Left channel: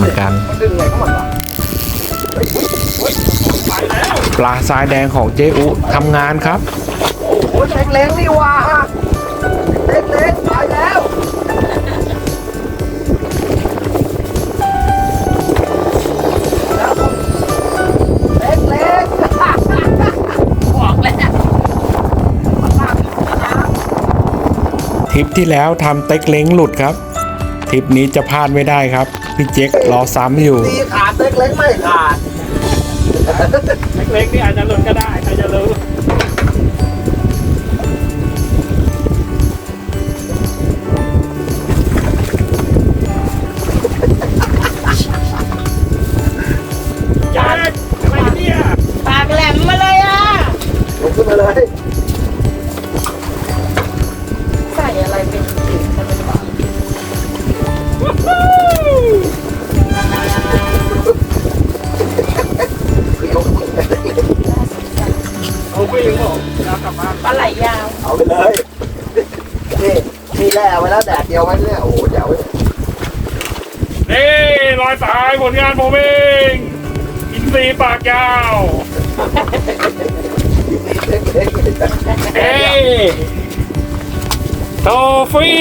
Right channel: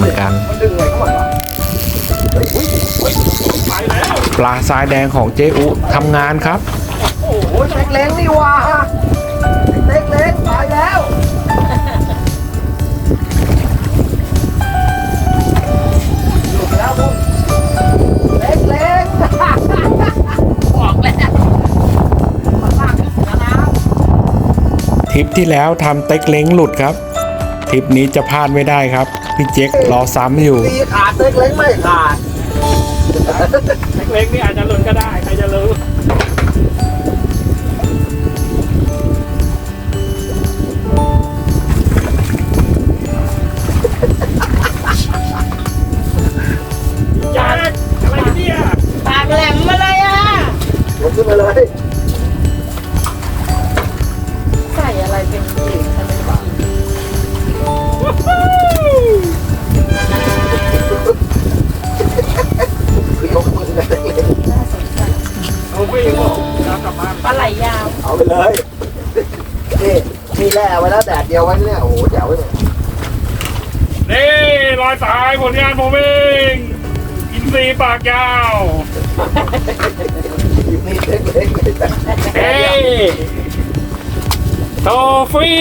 เหมือนกันมันดึงไงเข้ามาเฮ้ยอุ๊ยเฮ้ยไปแล้วปลาทรายแดงของเจอุทำงานครับ โอ้โหเล็กเล้งนี่หว่าเล็กเล้งตายแล้วแล้วผมเล็กเล้งบอกแล้วทริปที่แล้วทำเต็กเล้งหลุดครับ ทริปนี้จะพลาดไม่ได้ครับ พี่เจ๊กรอซ้ำอยู่ ตีขาดเล็กเล้งไม่ขาดเล็กๆนี่อาจจะหล่นก็ได้ใครจะรู้ยาอะไรเนี่ยปากแหลมมาเลยอะ ลงขึ้นมาเลย อาไปยังบอกเอากลับบ้านปลาไหลยาวเอาไปเลยนี่มีแร่ไว้แล้วแดดเดียวไว้เนี่ยโอ้โหแจ๋วเลยเอ้รอยสายผลงานผมเองอินทรีปากยาวนี่เล็กเล้งเลยเอ้โทฟี่